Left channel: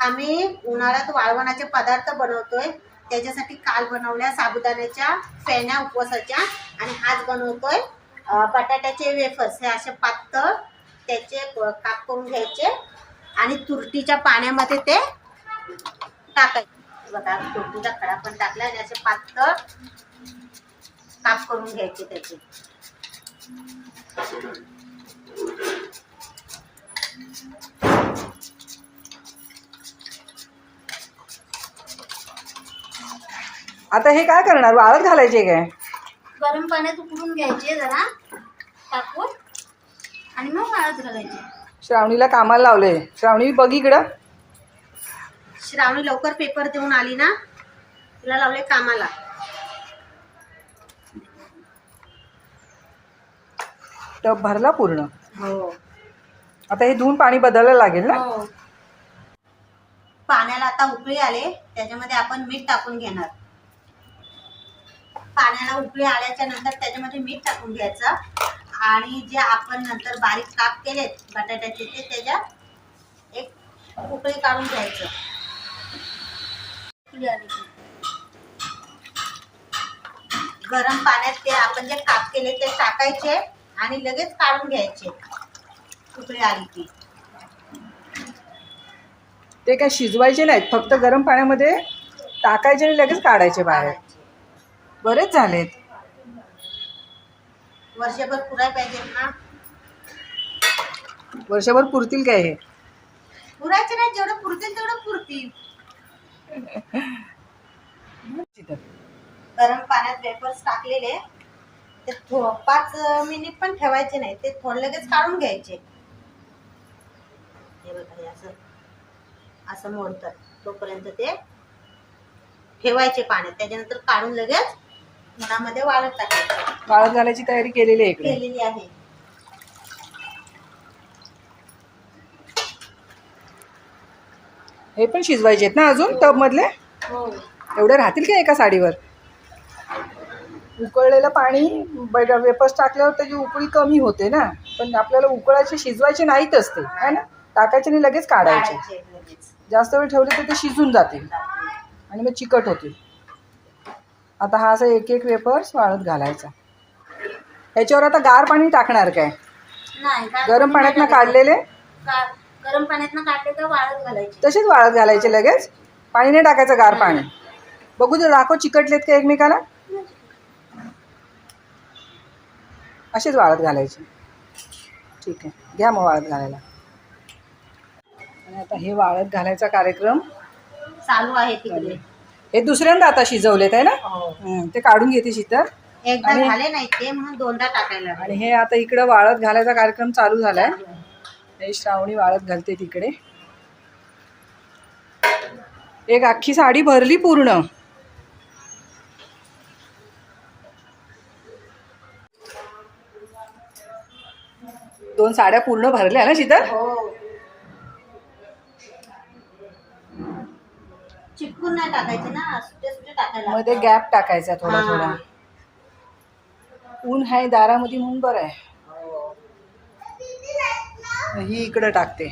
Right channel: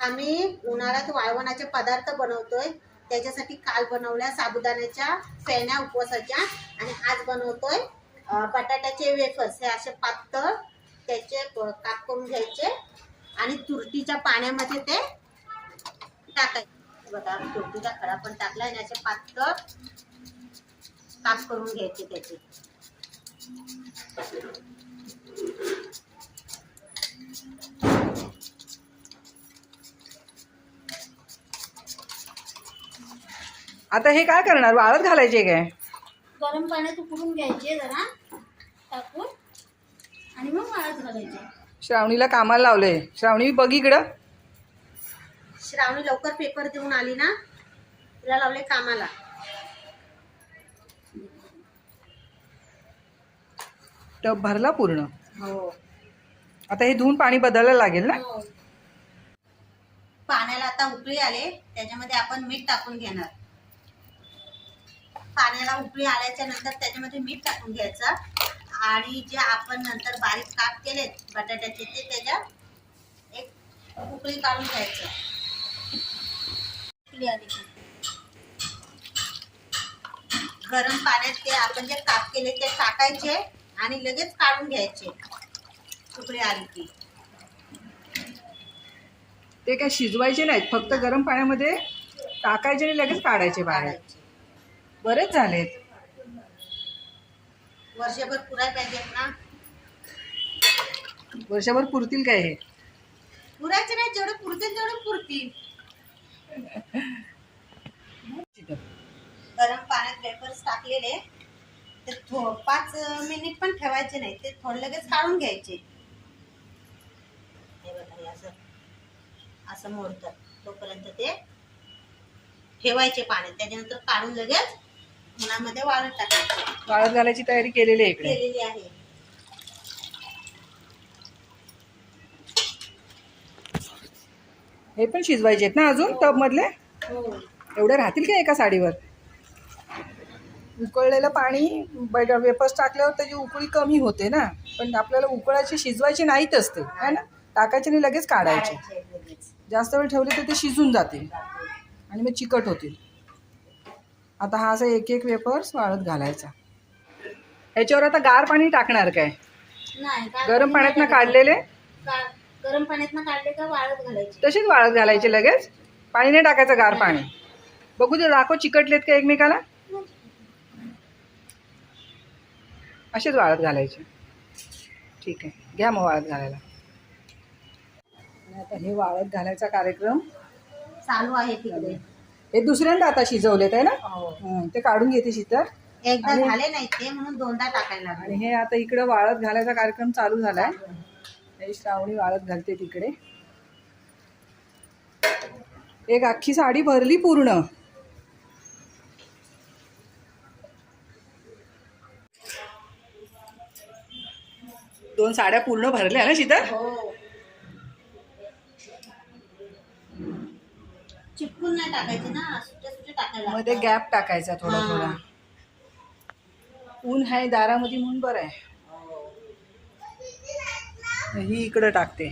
आम्ही उन्हाळ्यात वाळवणाचे पदार्थ बनवतोय. त्याच्यासाठी काल बनवल्या साबुदाण्याच्या फेण्या उपवासाच्या आणि आज बनवतोय बटाट्याचे वेफर्स. हे असे पातळ त्याचे काप करून घ्यायचे आणि तुरटीच्या पाण्यामध्ये ते टाकायचे. बघा तुरटीचा खडा पण टाकला आणि असे पातळ काप करून घ्यायचे त्याचे. आता हे काय करणार, वाळत घालायचे काय? गरम पाण्यात उकळून घ्यायचे जरा टाकून आणि मग वाळत घालायचे. श्रावणीला कामाला लावले. श्रावणी बघ इकडं. श्रावणी लवकर पेपर देऊन आली ना, तिला लावले कामाला. टब भरला पूर्ण. हो. आता हे धुवून पाणी बदलायला लागेल ना. हो. पाण्याला आता उकळी आले, त्याच्यामध्ये आपण मीठ टाकून घेणार. पाण्याला उकळी आल्याच्या नंतर त्याच्यामध्ये मीठ टाकून घ्यायचं आणि जे आपण नंतर बारीक काप केलेत बटाट्याचे ते त्याच्यात एक उकळी काढून घ्यायचं. गरम पाण्यात ते आपण जे काप केले ते टाकायचे आणि लगेच काढून घ्यायचे उकळी आली की. ते काय शिजवायचे नाहीत, फक्त गरम पाण्यामध्ये टाकायचे आणि लगेच काढायचे बाहेर. बरेच झालेत. वर्षभर पुराय पाहिजेत ना. वर्षभर पुरतील काय हे? पुरायचे नाही, जेवढं पुरतील तेवढं पुरतील. गरम पाण्यात वेफर्स टाकलेले ते 5 मिनिट पण ठेवायचे नाही, ते थोडं लगेच काढून घ्यायचे. हे बघा, हे असं मोडतात तोपर्यंत ते ठेवायचे पाण्यात. त्याच्यानंतर काढून लगेच उन्हामध्ये वाळत टाकायचे. वाळत घालायची तयारी केलेली आहे इकडे. केलेली आहे. हे पण शिजवायचे आहेत ना अजून टब मधले. हो. एवढे राहतील का एका साडीवर? उकळलेलं पाणी वेपर्स टाकल्यावर त्याची उकळी कमी होते ना, पण आपल्याला उकळायचे शिजवायचे नाहीतच ते, है ना. टाकायचे आणि लगेच काढायचे. जास्त वेळ ठेवले तर ते शिजून जातील आणि मग चिकट होतील. आता हा असा एक एक वेपर्स वाळत घालायचा. त्याच्यावर आता गार पाणी टाकणार काय? नाही, गरम पाण्यातनं काढलेले गरम पाण्यातनं काढले तर वाळत घालायचे. तसेच वाळत घालायचे लगेच. पाणी नाही टाकायचं, गार पाणी. बघू दे, दाखव चिकटलेत का एकमेकाला. असेच वाळत घालायचे. ठीक आहे, घ्या मग वाळत घालायला. आणि आता हे वाळत घालायचा कार्यक्रम चालू आहे तिकडे. हे दुसऱ्यांदा आता शिजवलेत आहे ना. ते काढून घेते शीतल. एकदा झाले नाही ते म्हणून दोनदा टाकायला. आणि हे आता इकडं वाळत घालायचा कार्यक्रम चालू झालाय. हे श्रावणी वाळत घालते तिकडे. एक अख्खी साडी भरली पूर्ण. दोन साड्या पूर्ण भरल्या ना शीतल. हो. चिपकून नाही टाकायचे ना, सुटे सुटे टाकायला. मध्ये गॅप टाकायचा थोडा थोडा. ऊन आहे दारामध्ये म्हणून बरं आहे. ही इकडं टाकते.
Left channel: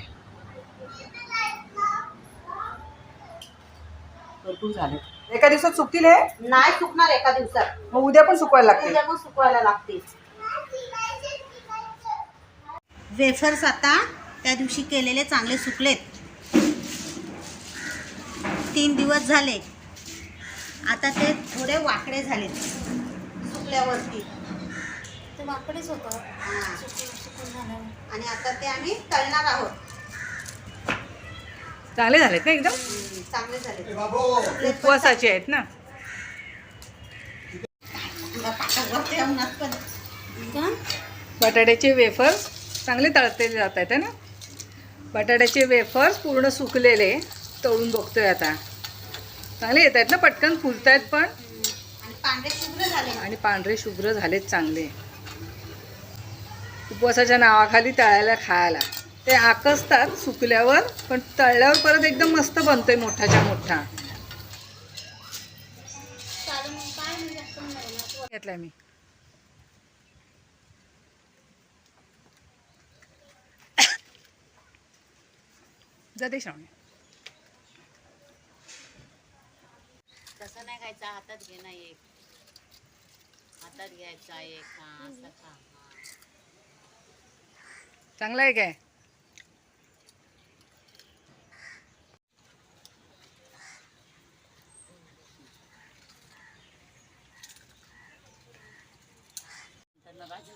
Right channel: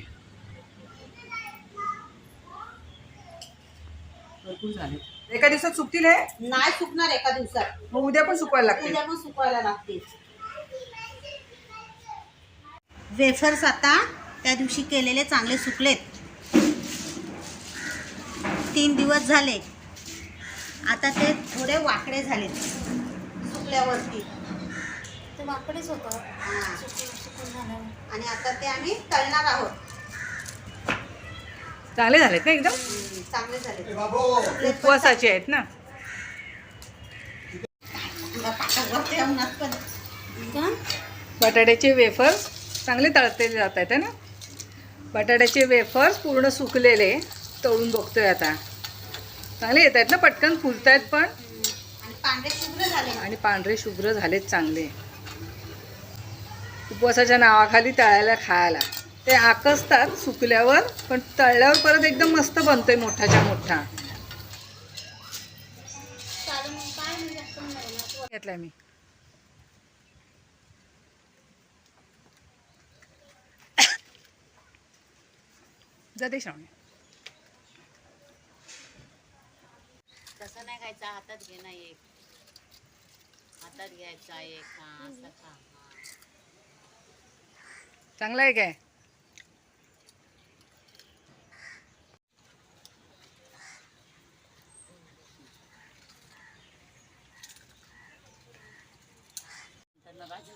भरपूर झाले. एका दिवसात सुकतील हे? नाही सुकणार एका दिवसात. मग उद्या पण सुकवायला लागतील. उद्या पण सुकवायला लागतील. वेफर्स आता त्या दिवशी केलेले चांगले सुकलेत. 3 दिवस झाले. आता ते थोडे वाकडे झालेत सुकल्यावरती. ते वाकडेच होतं. आणि आता ते आम्ही तळणार आहोत. चांगले झालेत ना एकदम. चांगले झाले. उपवासाचे आहेत ना. बटाट्याचे वेफर्स चांगले तळते जात आहेत ना. बटाट्याचे वेफर्स पूर्ण सुकलेले तळून बघतोय आता. चांगले येत आहेत ना, पटकन फुलत आहेत पण. आणि पांढरे शुभ्र झालेत चांगले. उपवासाच्या नावाखाली तळायला खायला ते आकसतात सुकल्यावर, पण तळल्यावर परत एकदम मस्त बनतोय मोठाच्या मोठा. घेतलाय मी. जाते श्रावणी. टाकायचा हातात घे ना एक हातात घ्यायचा एक हा असं खा चांगलं आहे काय? तर बाजू